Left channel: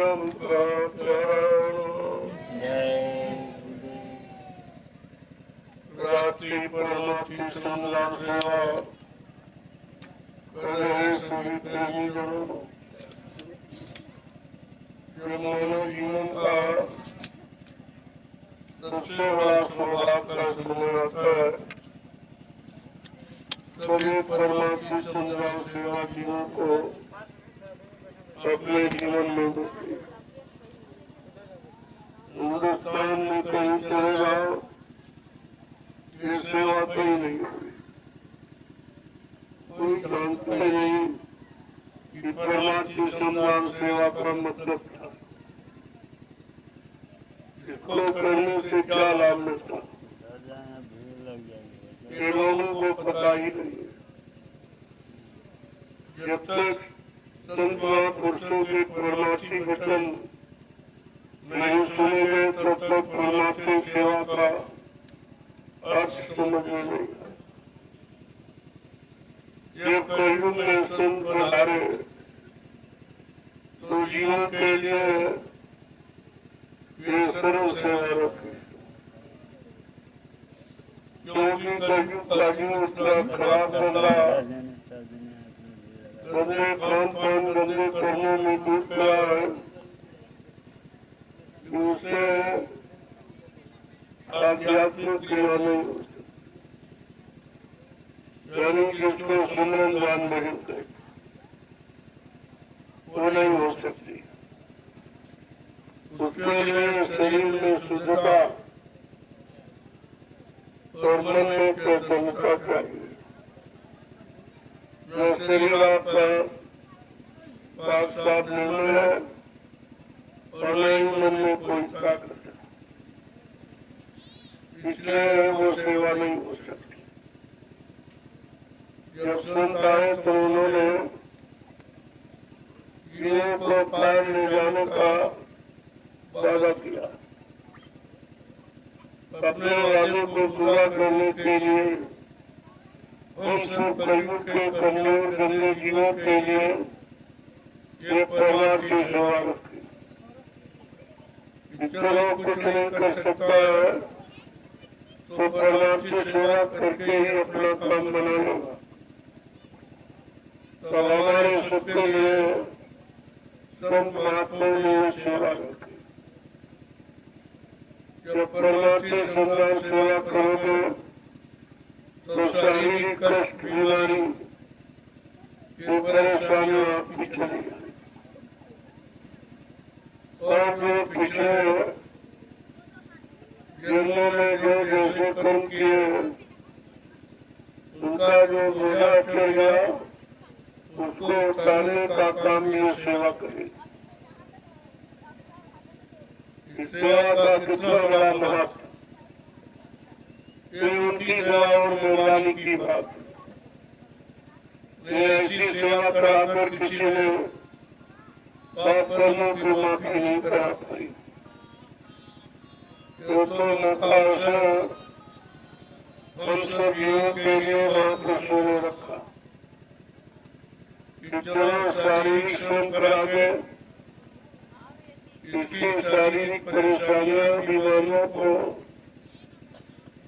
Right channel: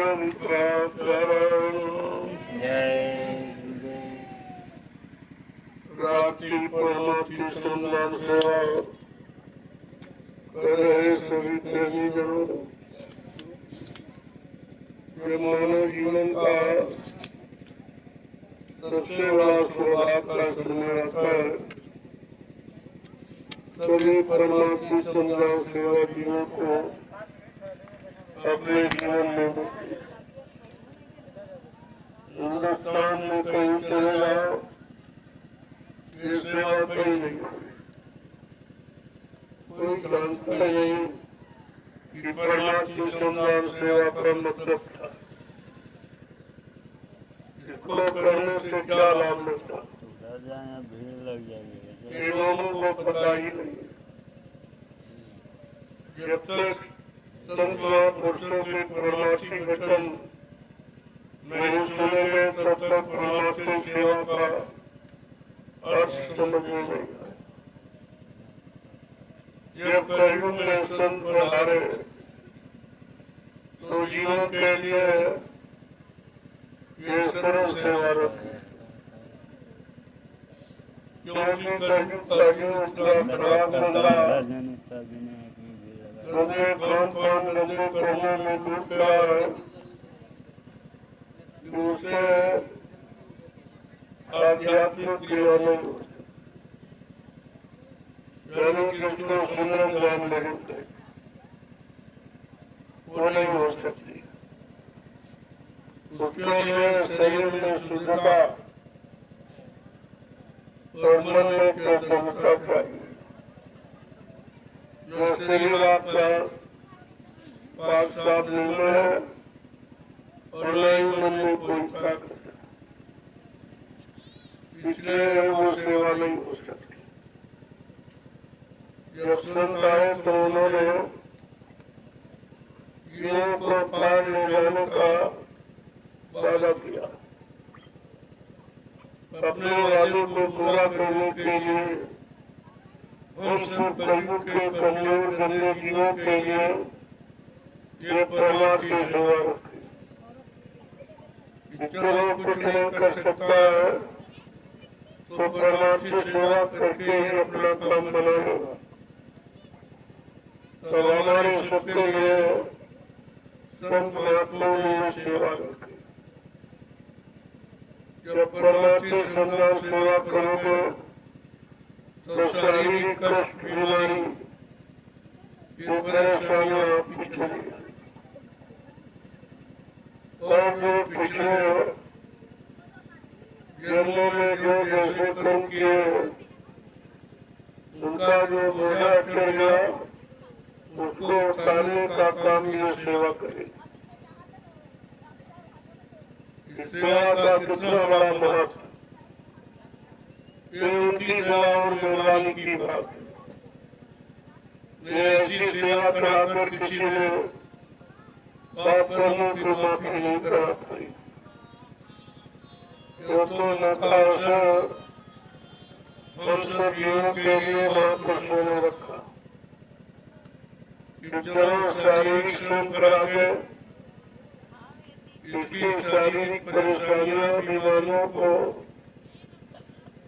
परम रात्रि परमार्थी संदान सेवा करे संगीत नहीं जो मानव जीवन का सबसे बड़ा सौभाग्य का समय आता है। सभी परमार्थी संदान सेवा जीवों को अपने जीवन में हिंदुस्तान में कहीं चले जाओ, ये सेवा कहीं नहीं होगी। कोई जानता नहीं कि परमार्थी संदान सेवा का मतलब था, इसको करने से क्या लाभ मिलता, ये लोगों को पता ही नहीं। जब तक संत महापुरुषों के परमार्थी वचन नहीं सुनेंगे तब तक परमार्थी सेवा का अर्थ समझ में नहीं आए। जब कलयुग में संत पधारे तो जीवों के लिए ये सर्व सेवा रखे, क्योंकि कलयुग का जीवन इतना खराब करता है, गंदे खान पान गंदे कर्मों में डूब गया है कि उसे आध्यात्मिक जीवन यानी जिसको सुंदर ज्ञान नहीं होते वो नहीं हो सकती। उसके लिए शरीर में शुद्धता और मन में चेतनता चाहिए। न शरीर आपका पाक साफ निर्मल है और न ही मन में कोई ताकत है, इसलिए वो सेवा नहीं हो सकती। जब संत आए तो उन्होंने जीवों को पार ले जाने का वादा किया। अपने वादे को पूरा करने के लिए हम सब कलयुग के कमजोर गंदे जीवों के लिए ये परमार्थी सेवा रखें। चलो कुछ नहीं कर सकता है तो परमार्थी सेवा करके ही अपना काम बनाएगा। तो हमारे सबके लिए संत महात्माओं ने ये सेवा रखी। जब परमार्थी संदान सेवा करोगे तो शारीरिक कष्ट बीमारी ये परेशानियां आपकी चली और जो पिछले जन्मों में जो जैसे कर्म किए उनका जो बोझा चढ़ गया उसको उतारने का काम ये सेवा करे। इस सेवा का कितना बड़ा महत्व, ये उनकी दया और मेहरबानी की बात है। ऐसी सेवा कराकर किसी ने पाप कर्मों की माफी नहीं करा पाई। ये तो मौका अवसर हम सब जीवों के लिए महापुरुषों ने रखा कि चलो शारीरिक श्रम करा के इसकी शारीरिक परेशानियां बीमारियों को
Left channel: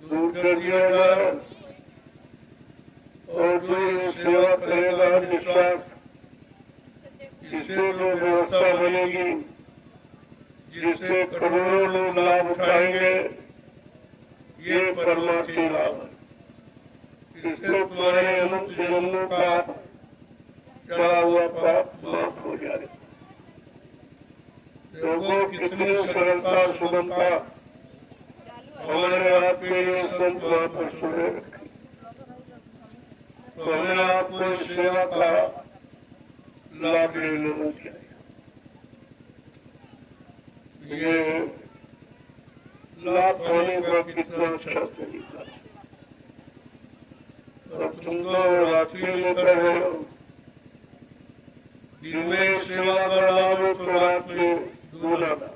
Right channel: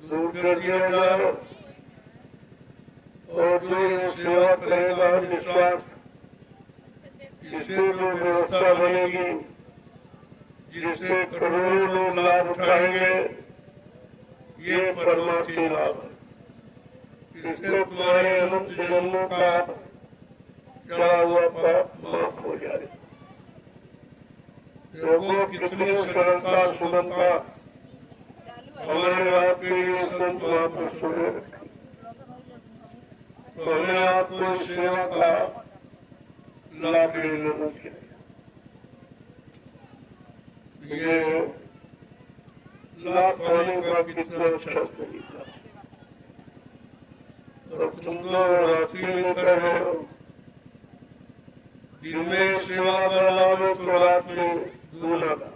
दूर कर दिया जाए और जो ये सेवा करेगा विश्वास इससे जो व्यवस्था बनेगी जिससे करोड़ों लोग लाभ उठाएंगे ये परमार्थी लाभ, इससे तुम्हारे अनंत जन्मों का चढ़ा हुआ पाप माफ हो जाए। देखो कितनी सरलता सुगमता हमारे आपके लिए संत महापुरुषों ने रखी। तो हमें आपको इस सेवा का लाभ लेना चाहिए। ये लाभ पाने का कितना अच्छा तरीका, और तुम तो रात्रि में कर रहे हो। दिन में सेवा का लाभ है तो रात में दूना था,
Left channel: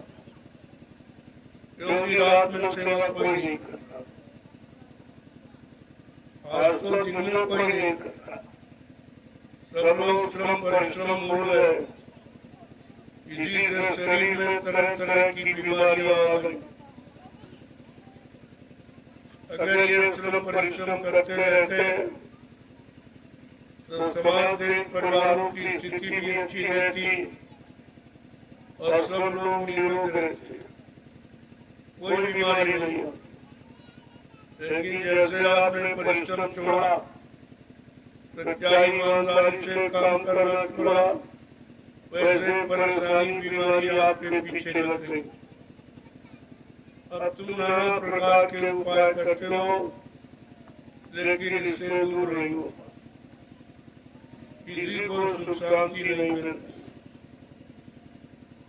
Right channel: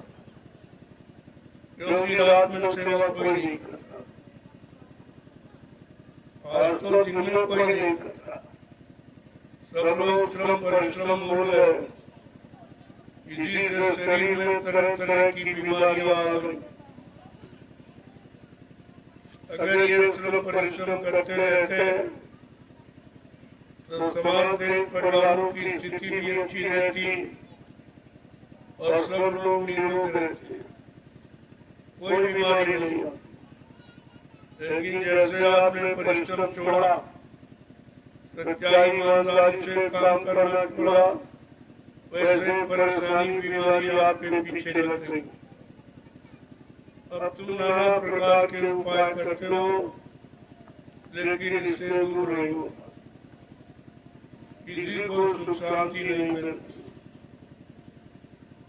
क्योंकि रात में सेवा कोई नहीं करता। आज तो दिन में कोई नहीं करता, सब लोग श्रम परिश्रम भूल गए। इसी से शरीर में तरह तरह की बीमारियां आ गई। अगर ये श्रम परिश्रम करते रहते तो समाज देश परिवारों की स्थिति भी अच्छी रहती और सब लोग निरोग रहते, कोई बीमारी नहीं। लेकिन जैसे आपने परिश्रम छोड़ा, सच्चाई ईमानदारी से काम करना छोड़ा, वैसे परेशानी बीमारी आपके पीछे लग गई। अब तुम नाना प्रकार के उपाय करते हो, लेकिन इससे दूर नहीं हो। किसी को सुख शांति नहीं मिलती,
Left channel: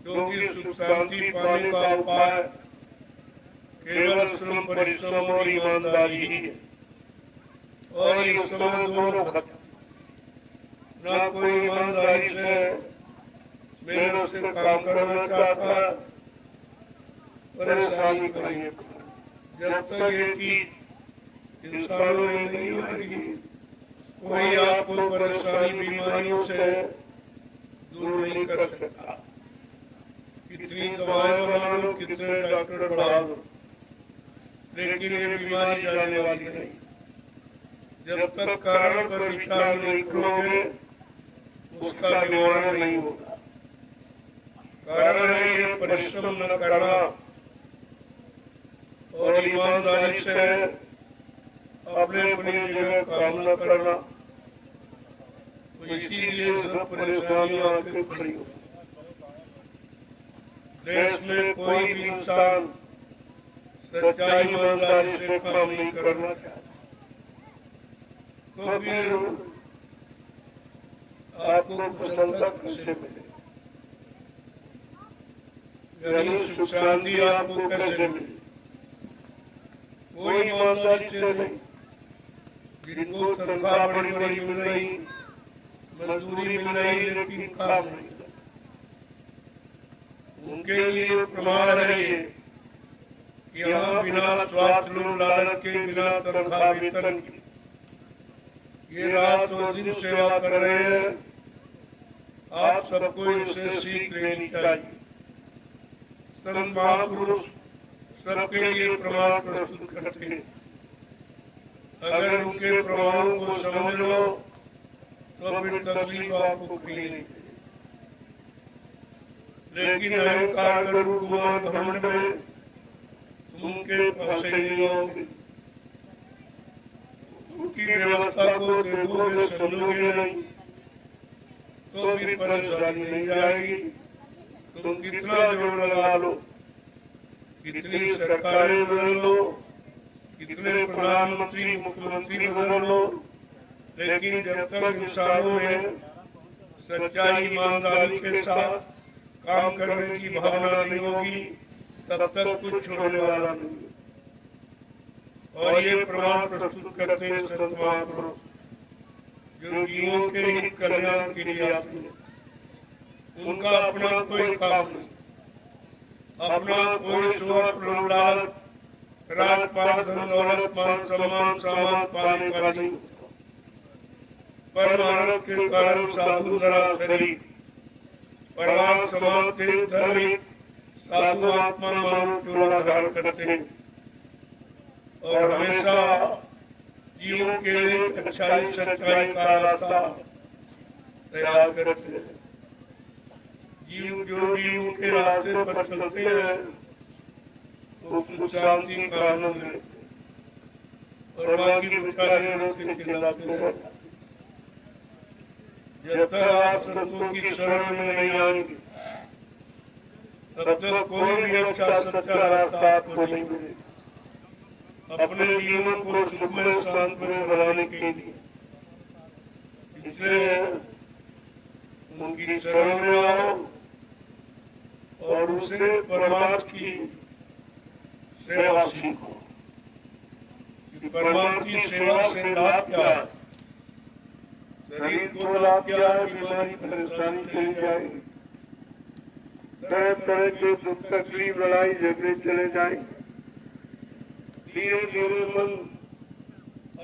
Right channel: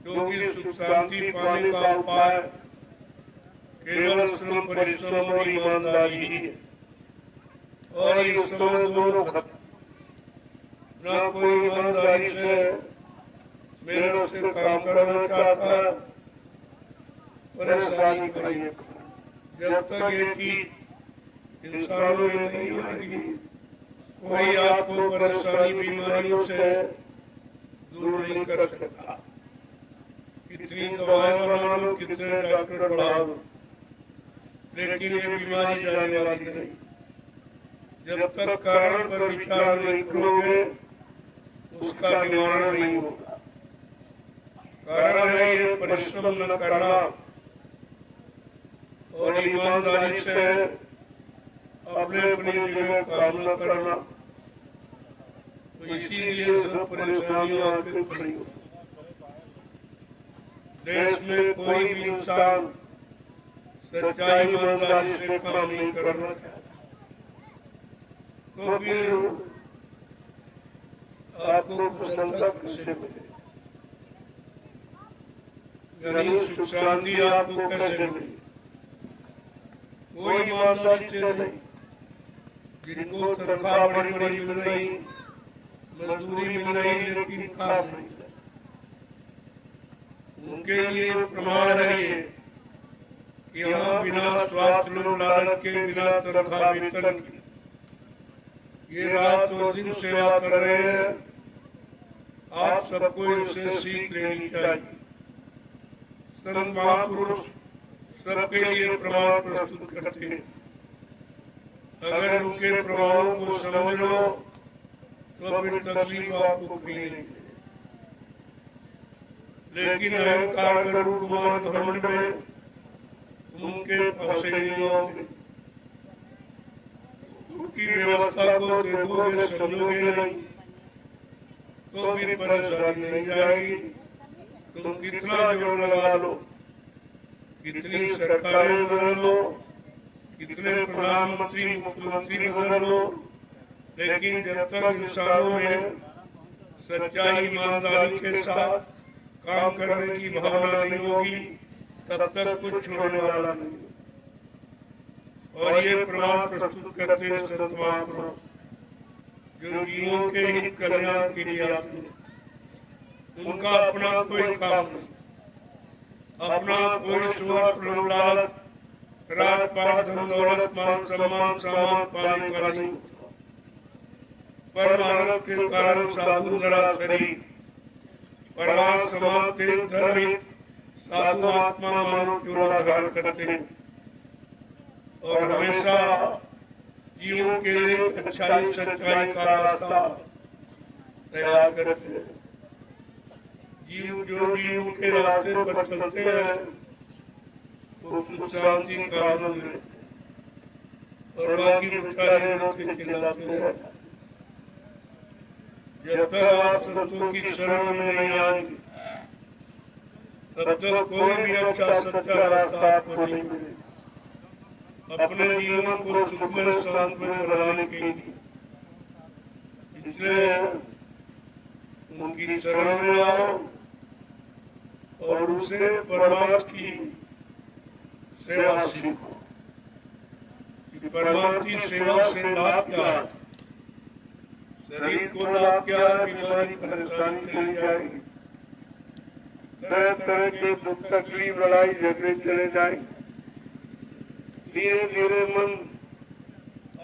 क्योंकि सुख शांति पाने का उपाय केवल श्रम परिश्रम और ईमानदारी ही है। और इस समय दोनों खत्म, न कोई ईमानदारी से मेहनत से काम करना चाहता है, परेशानी करिए। जब तक ये चीज इंसानों में नहीं आएगी, कोई आपको परेशानी बीमारियों से दूर नहीं कर सकता। कितनी दवाएं बना लो, कितने डॉक्टर बढ़ा लो, लेकिन ये बीमारी जाने वाली नहीं। जब तक कारण पर विचार नहीं करोगे, उसका निवारण नहीं होगा। कारण है ये परिश्रम न करना और ईमानदारी से अपने अपनी जगह काम न करना। तो इसीलिए सब परेशानियों आके खड़ी हो। देश में कोई भी इंसान सच्चाई ईमानदारी से काम नहीं करना, तो फिर आपको कुशलता कैसे मिले, यानी सुख शांति आपको कैसे मिले? कोई ईमानदारी से नहीं। जिनको तनख्वाह बड़ी बड़ी मिल रही, मजदूरी मिल रही, लेकिन काम नहीं, उनके लिए प्रमाण है ये कि यहाँ बिना स्वार्थ लोभ लालच के, बिना तनख्वाह वेतन के ये रात और दिन सेवा कर रहे हैं। आप सबको इनसे सीख लेनी चाहिए। संत महापुरुष सबके लिए प्रमाण प्रस्तुत करते हैं। अगर उनके प्रमाणों को समझ लो तो फिर तकलीफ आपको कहीं नहीं। लेकिन अहंकार गरुड़ गुमान घमंड में तुम उनके फंसे नहीं रहोगे। उनकी व्यवस्था को देखोगे, समझोगे नहीं, तो फिर परेशानी नहीं जाएगी। तुम कितना जोर लगा लो, कितनी सरकारें बदल लो, कितने प्रधानमंत्री मुख्यमंत्री बदल लो, लेकिन जब तक इंसानों में सच्चाई ईमानदारी के साथ काम करने की भावना नहीं होगी, तब तक कुछ छोड़ने वाला नहीं। और ये प्रमाण प्रस्तुत करते संत महापुरुष, जो जीवों के हित कल्याण के लिए आते हैं। उनका अपना कोई काम नहीं, अपना कोई स्वार्थ लोभ लालच, राजपाट धन दौलत मान सम्मान सामान पाने का नहीं। परमानंद के कारण साधु धरा शरीर, परिवार समाज के धर्मिक साधु आत्मा मानव चोला धारण करते हैं और हमेशा जीवों के लिए अच्छाई सच्चाई का रास्ता तैयार करते हैं। जीव जो जीव के रास्ते पर चलते हैं वो सुख शांति का आनंद लेते और बाकी बेचारे रोते चिल्लाते हैं। जब तक आप संतों की शरण में नहीं आएंगे, तब तक कोई भी अच्छा सच्चा रास्ता आपको नहीं मिलेगा अपने जीवन को सुखमय शांतमय बनाने के लिए। इसलिए उनकी शरण में आओ और उसे परमात्मा की सेवा सीखो। परमात्मा की सेवा से लाभ क्या है? शरीर को लाभ क्या है? बीमारी परेशानी चली जाएगी, तरह तरह के दुख तकलीफ लड़ाई झगड़े चले जाएंगे। धीरे धीरे मन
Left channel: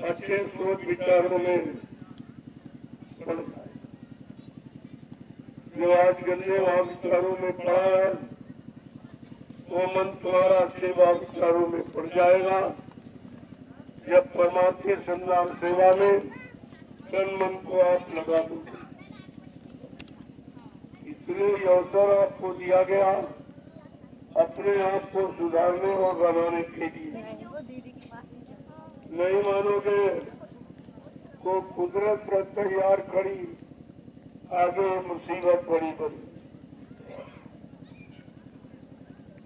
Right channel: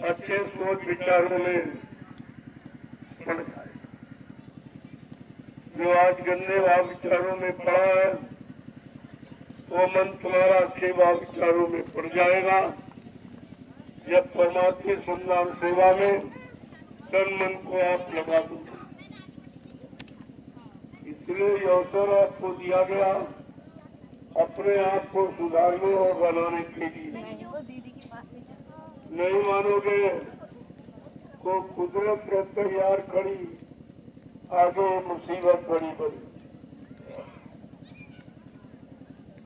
अच्छे सोच विचारों में पड़ जाए। जो आज गंदे विचारों में पड़ा है वो मन तुम्हारा अच्छे विचारों में पड़ जाएगा। जब परमात्मा संधान सेवा में तन मन को आप लगा दो, इसलिए ये अवसर आपको दिया गया अपने आप को सुधारने और बनाने के लिए। नहीं मानोगे तो कुदरत तैयार खड़ी, आगे मुसीबत बड़ी बड़ी।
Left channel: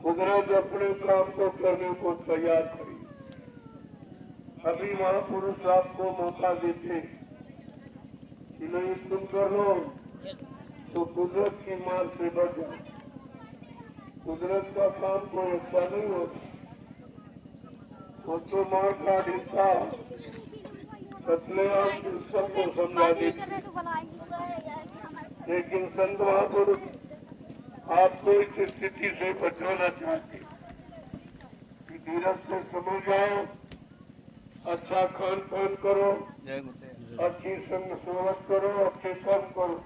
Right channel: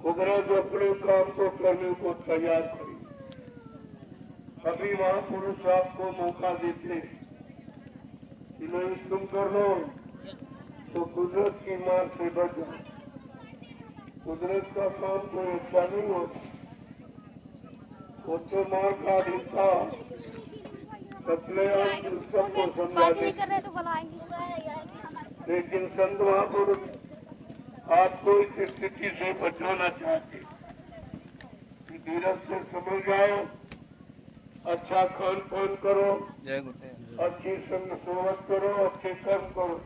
कुदरत अपने काम को करने को तैयार खड़ी। अभी महापुरुष आपको मौका देते कि नहीं तुम कर लो तो कुदरत की मार से बचो। कुदरत का काम कोई अच्छा नहीं होता, वो तो मार का हिस्सा सतलेआम सबको समझा देती। लेकिन संत महापुरुष आपको इस स्थिति से बचाना चाहते कि धीरज से समझ जाओ, अच्छा खान पान करो, अच्छी संग सोहत करो, अच्छे कर्म करो,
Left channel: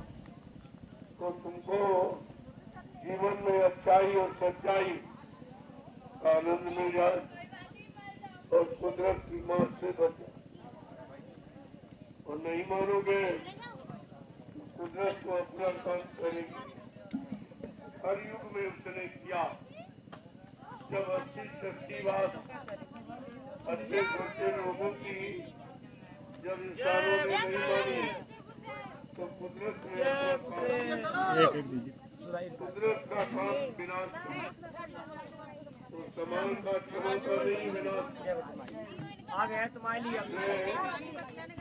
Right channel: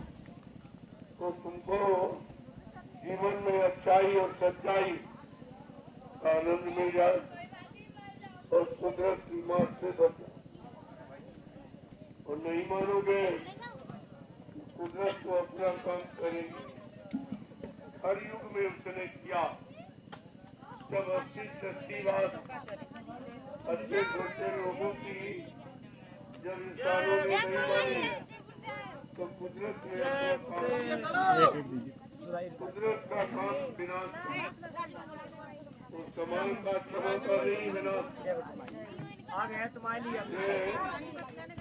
तो तुमको जीवन में अच्छाई और सच्चाई का आनंद मिल जाए और कुदरत की मार से बचो। और नहीं मानोगे कुदरत को अपना काम करेगी। हर युग में उसने किया। जब अच्छी सच्ची बात अच्छे छोटे लोगों की जब इंसानों ने नहीं मानी तो कुदरत ने अपना काम, कुदरत का काम विनाश और समाज का क्षमा का नहीं विनाश। आ गया तुम्हारे लिए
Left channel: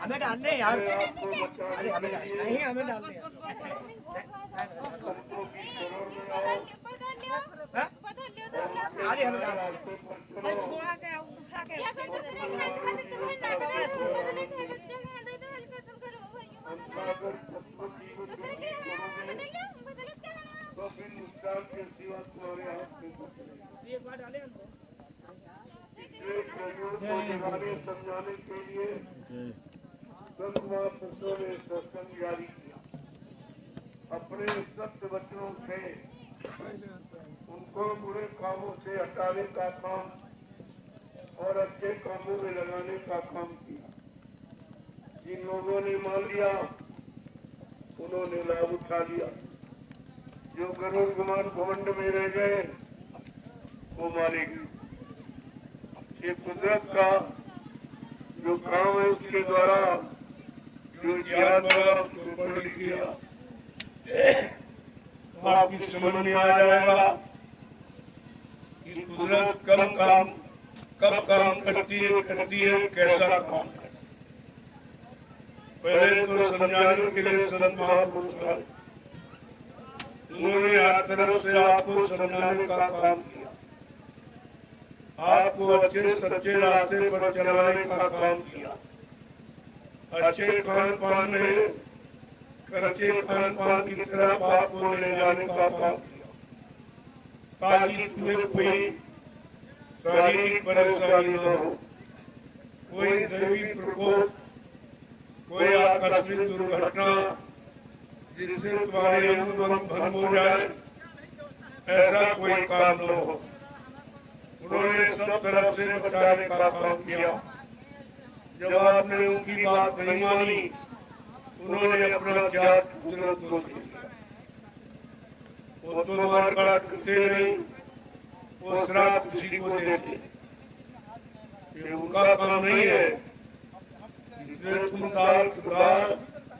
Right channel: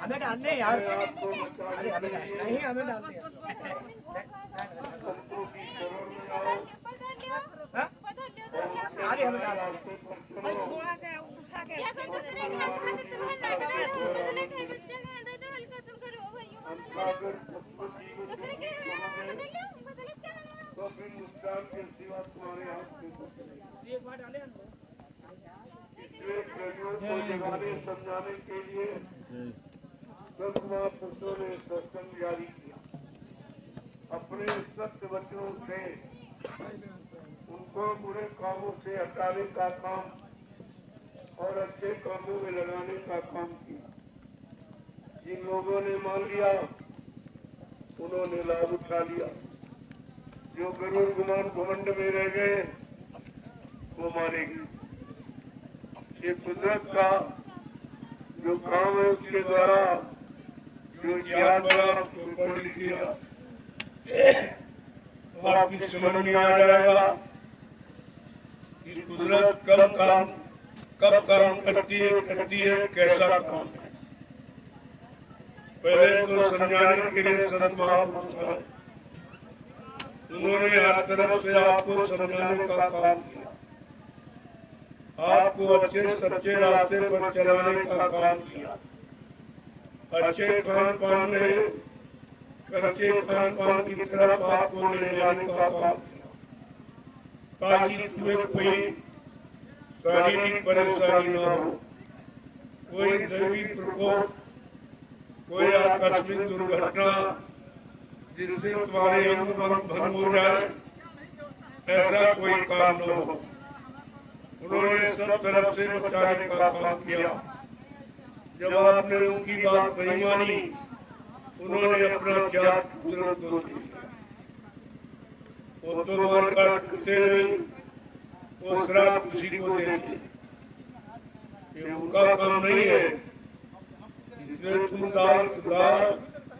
हमें डालने यार, आपको बताने के लिए नहीं हमें डालने अरे हमें समझाने के लिए संत महापुरुषों ने सत्संग जारी किया। अपने सत्य वचनों से उनको बुरे कामों से हटाने का काम और अच्छे कामों में लगाने का काम किया। जिन लोगों ने मान लिया उन्होंने लाभ उठा लिया। जो गरुड़ गुमान घमंड में रह गए वो मानेगी। ये कुदरत का जो काम है उसके द्वारा जो ज्ञान बना उसको पढ़ लिखिए आपकी समझ में आ जाएगा कि कुदरत कब काम करती है कैसा काम है। पहले तो समझाने के लिए संत महापुरुष आए, उन्होंने हर तरफ से आपको समझाने का काम किया, आपको अच्छे सच्चे रास्ते पर चलाने का काम किया, अच्छे खान पान में कच्चे खान पान की तरफ आपको ले जाने का काम किया, ताकि तुम्हें कोई शारीरिक परेशानी न हो, कोई दैवी प्रकोप, कोई आकस्मिक दुर्घटना जिससे तुम्हारे अंग भंग हो जाए, ऐसा कोई काम न हो। उन्होंने सब तरफ से बचाने का काम किया। जब आपने उनकी बात नहीं मानी उन्होंने अपना चार कुदरत को दे दिया। वो तो मार काटते नहीं, वो श्राप किसी को देते, ये उनका काम नहीं है। इसलिए तुम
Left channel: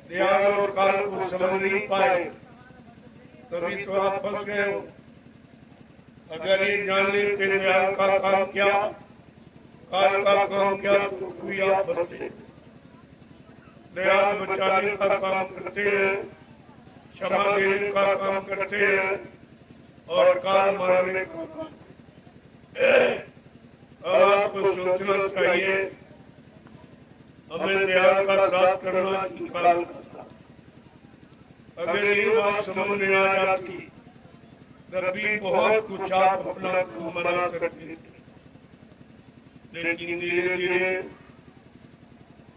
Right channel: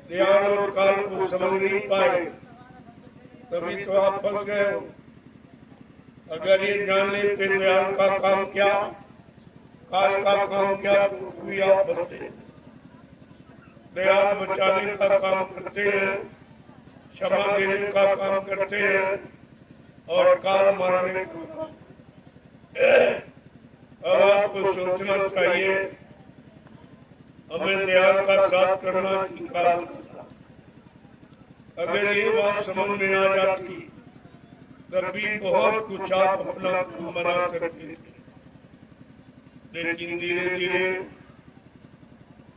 ध्यान और काल को समझ नहीं पाए, तभी तो आप फंस गए हो। अगर ये जान लेते दयाल का काम क्या, काल का काम क्या, तो भी आप बचते। दयाल बचाने का काम करते हैं, क्षमा देने का काम करते हैं और काल मारने का। अब आपको सोचना चाहिए हमें दयाल का साथ करना की काल। अगर ये बात समझ में आ जाती तभी बहुत कुछ आप अपना काम बना सकते थे। लेकिन धीरे धीरे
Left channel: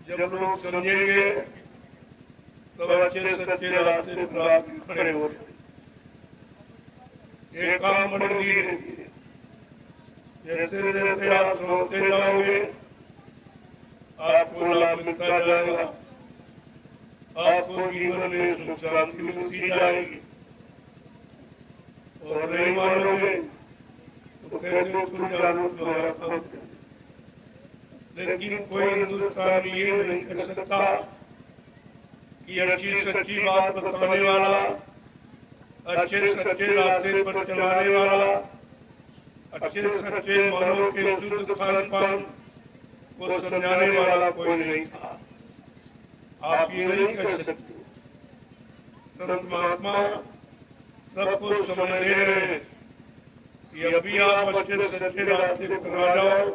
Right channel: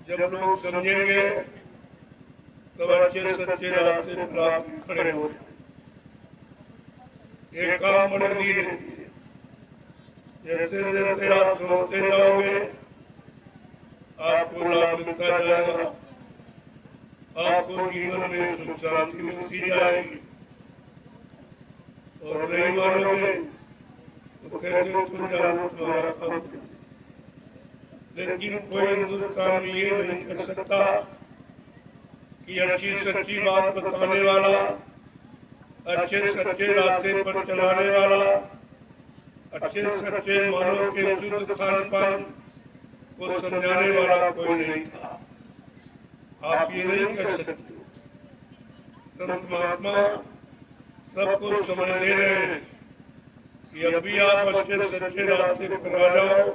जब लोग समझेंगे तब अच्छे सच्चे रास्ते पर आप खड़े हो। ये काम बड़े धीरे धीरे, जैसे जैसे आप समझते जाओगे आपको लाभ मिलता जाएगा, आपको जीवन में सुख शांति मिलती जाएगी। और नहीं मानोगे तो कहते तुम जानो तुम्हारा काम। लेकिन कोई हिंदुस्तान में ये नहीं कर सकता कि अच्छी सच्ची बात बताने वाला, अच्छे सच्चे रास्ते पर चलाने वाला, अच्छे सच्चे मानव के शुद्ध खान पान को समझाने वाला कोई नहीं था। आप ये नहीं कर सकते। संत महात्मा सबको समझ दे रहे हैं कि अब भी आप अच्छे सच्चे रास्ते पर आ जाओ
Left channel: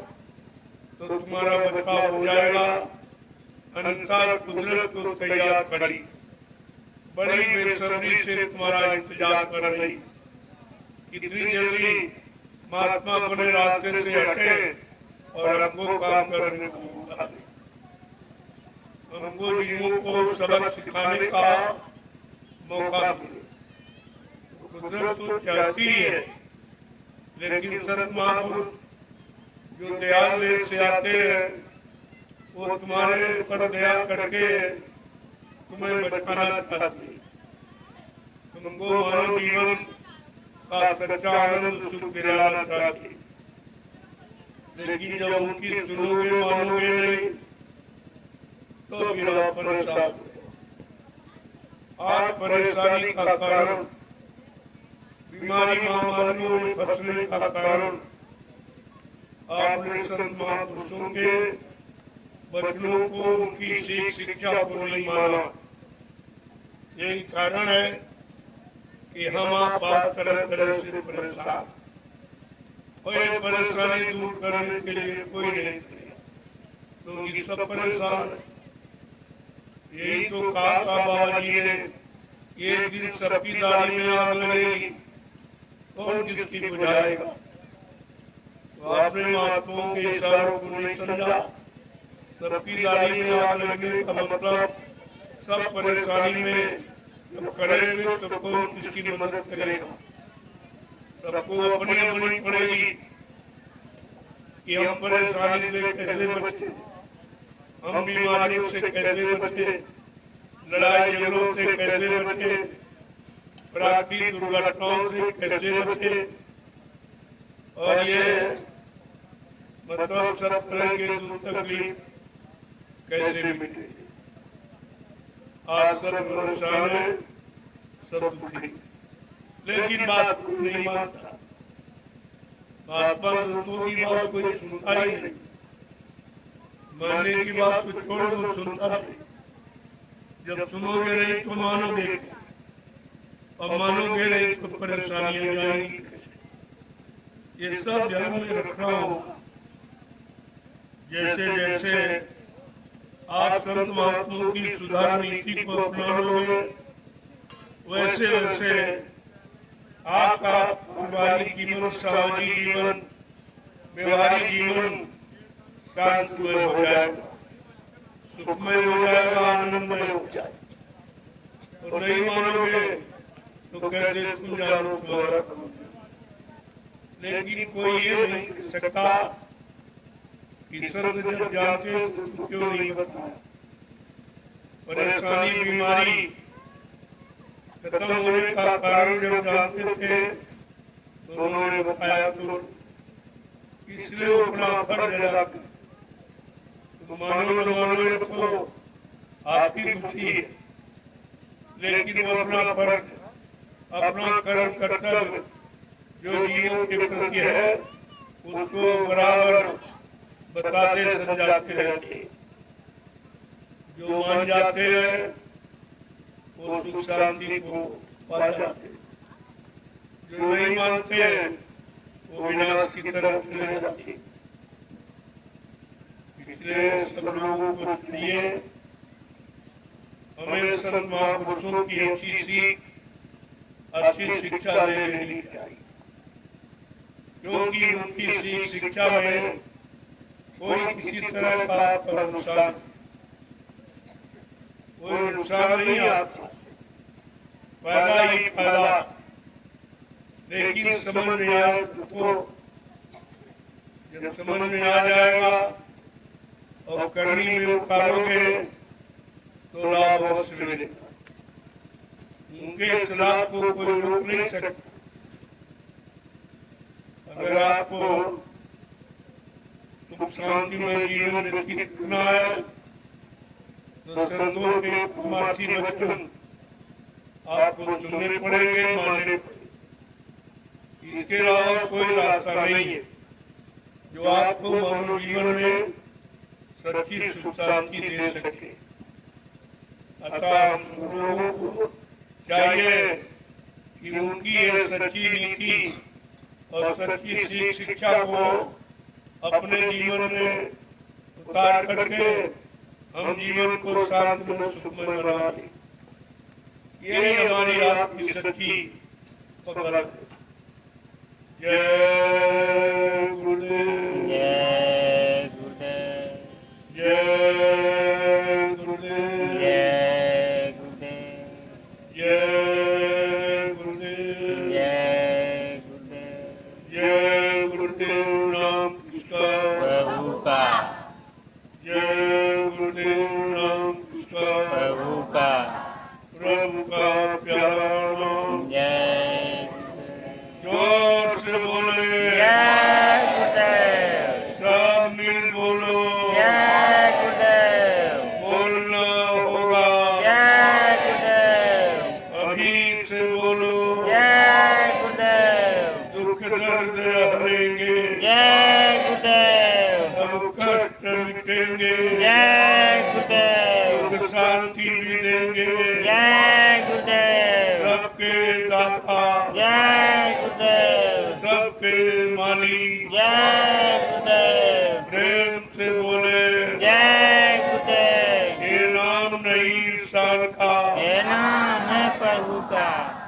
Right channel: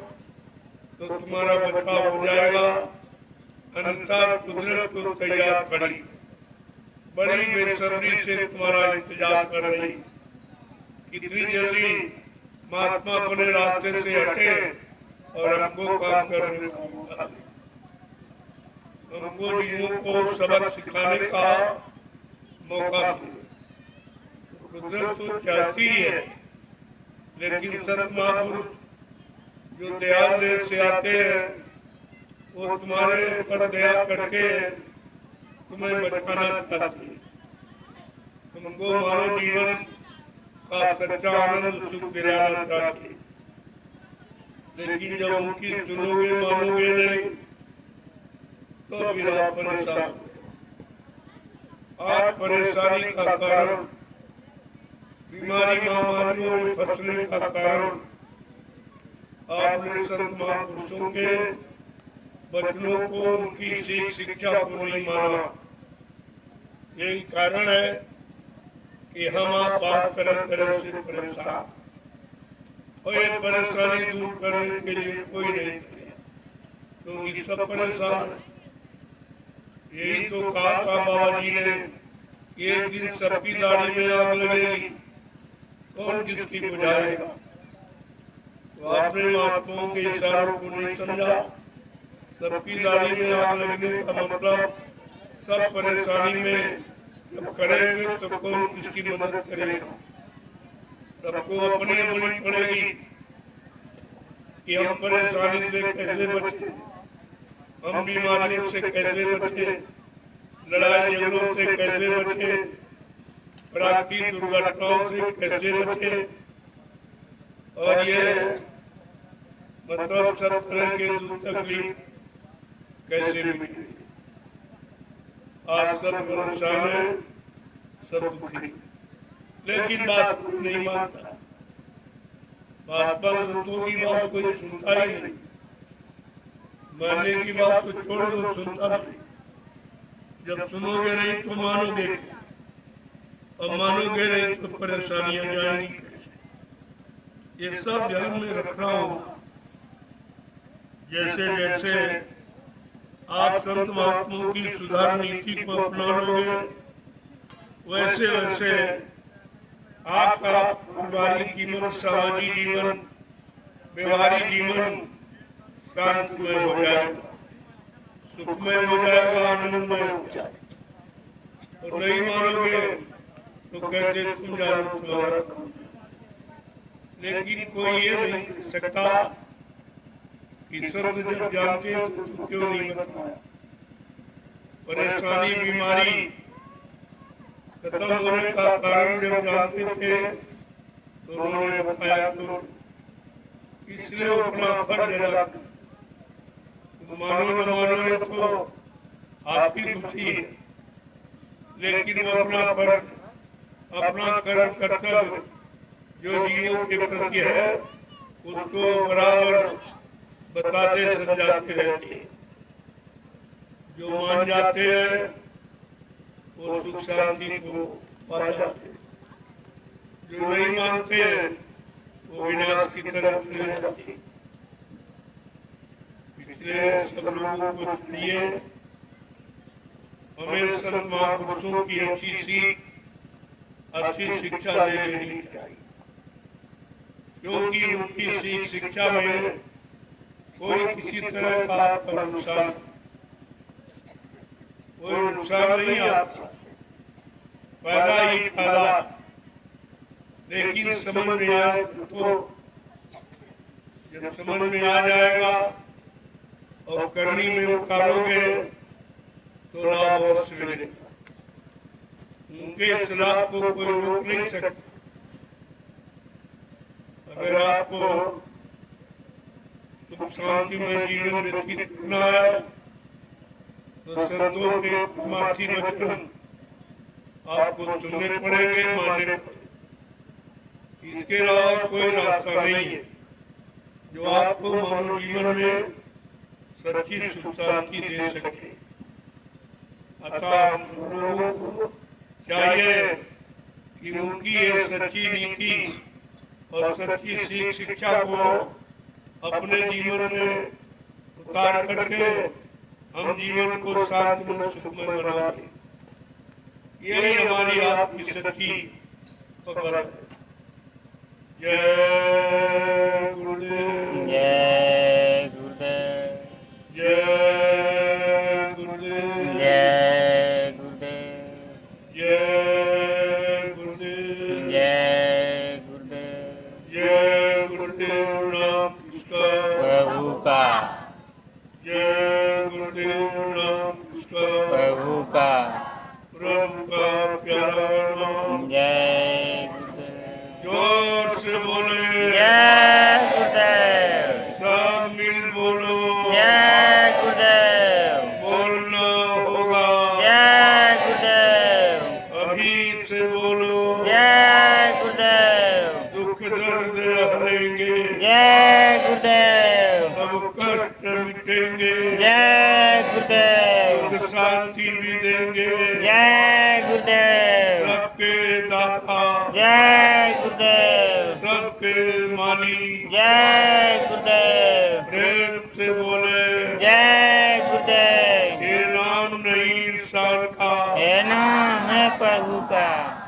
तो तुम्हारा बचाव हो जाएगा, अन्यथा कुदरत को तैयार करी, बड़ी बेसब्री से तुम्हारा इंतजार कर रही। कितनी जल्दी महात्मा अपने रास्ते से हटे और हमको काम करने को मौका दे। हमको जीवों को सबक सिखाने का मौका दे। कुदरत तो चाहती है, लेकिन संत महापुरुष जो दयाल देश से आते हैं वो तुम्हारे पर दया करके तुम्हें बचाना चाहते हैं, तुमको मानव जीवन का सच्चा आनंद सुख दिलाना चाहते हैं। लेकिन जब उनकी सुनोगे मानोगे नहीं तो फिर आप परेशान। आज परेशानी का कारण, बीमारी महामारियों में फंसने का कारण आपने संत महापुरुषों के वचनों को, उनकी सीख शिक्षा को नहीं माना। यही कारण है कि हम आप आज तरह तरह से परेशान, और ये परेशानी दूर करने के लिए कोई नहीं है, क्योंकि सब परेशान है। यही तो कहा था बाबा जी ने, एक दिन सबकी दाढ़ी में आग लगेगी, कौन किसकी बुझाएगा। तो आपने महात्माओं के इशारों को नहीं समझा। सबकी दाढ़ी में आग लगने का मतलब सब परेशानी में जब करेंगे तो कौन किसकी मदद करेगा। सबको अपनी अपनी पड़ेगी कि हम परेशानी से कैसे बचे, हम बीमारियों से कैसे बचे, लड़ाई झगड़ों से कैसे बचे, प्राकृतिक दुर्घटनाओं से कैसे बचे, और ये मतलब सब तरह के दुख तकलीफ कैसे मिले। आज सब परेशान है, सब दुखी, लेकिन बात कोई नहीं मानता। महात्मा संतों की बात कोई सुनता ही नहीं। मानने की बात तो छोड़ दो, सुनता नहीं। जब सुनोगे नहीं तो मानोगे, और मानोगे नहीं तो परेशानियां जाएंगी। ये सब ध्यान में रखना होगा। जैसे जैसे आप संत महात्माओं की सुधार नीति को अपना लोगे, वैसे वैसे आपका पारिवारिक जीवन, सामाजिक जीवन, व्यवहारिक जीवन शांतमय हो जाएगा, सुखमय हो जाएगा, आनंदमय हो जाएगा। और नहीं मानोगे तो कहते तुम जानो तुम्हारा। लेकिन कोई ये नहीं कह सकता कि संत जब जानते तो क्यों नहीं बताया। परेशानी बीमारी खत्म होने का कारण जब जानते थे तो उन्होंने बताया, तो इसलिए अपना फर्ज अदा किया। तो मानो न मानो ये तो आपकी खुशी है, लेकिन वो अपना फर्ज, अपना कर्म कर्तव्य जो जीवों के प्रति है उसको बराबर बताते समझाते रहते हैं। जो मान जाते हैं वो सुख शांति को पा जाते हैं, जो नहीं मानते वो विनाश की तरफ चले जाते हैं। इसलिए सब लोगों को चाहिए हमें संत महापुरुषों की अच्छी सीख, अच्छी शिक्षा ले लेनी चाहिए, क्योंकि उनकी सीख शिक्षा में कोई किसी तरह का नुकसान, कोई नुकसान नहीं आता, फायदा ही फायदा। लेकिन समझ में आए तो जब समझ में आ जाएगा और करनी में उतारोगे तो लाभ अवश्य मिलेगा। उनके सलाह को कोई रोक नहीं सकता। अगर आपको सुख शांति में जीवन व्यतीत करना है तो संतों के माथी वचन आपको सुनने पड़ेंगे, मानने पड़ेंगे। इसके अलावा कोई रास्ता नहीं है जो आपको मानव जीवन में सच्ची सुख शांति दे सके। अतः लोगों को चाहिए कि उनकी ये सच्ची नीति और सच्ची शिक्षा को अपने जीवन में उतार करके हम जीवन को शांतिमय सुखमय बनाएं। यही हमारी आपकी सच्ची पकड़ है। जय गुरुदेव, जय गुरुदेव, जय गुरुदेव, जय गुरुदेव, जय गुरुदेव, जय गुरुदेव, जय गुरुदेव नाम किसका, प्रभु का, जय गुरुदेव नाम किसका, प्रभु का, प्रभु का प्यारा नाम। जय गुरुदेव, जोर से बोले, जय गुरुदेव, सब मिल बोलो, जय गुरुदेव, बोलना होगा, जय गुरुदेव, अभी से बोलो, जय गुरुदेव, दुख दर्द हरेंगे, जय गुरुदेव, सब कष्ट मिटेंगे, जय गुरुदेव, सुख शांति भी देंगे। जय गुरुदेव, सबके दाता, जय गुरुदेव, सबके मालिक, जय गुरुदेव, प्रेम से बोले, जय गुरुदेव, ये नाम नहीं इंसान का, ये नाम है प्रभु का,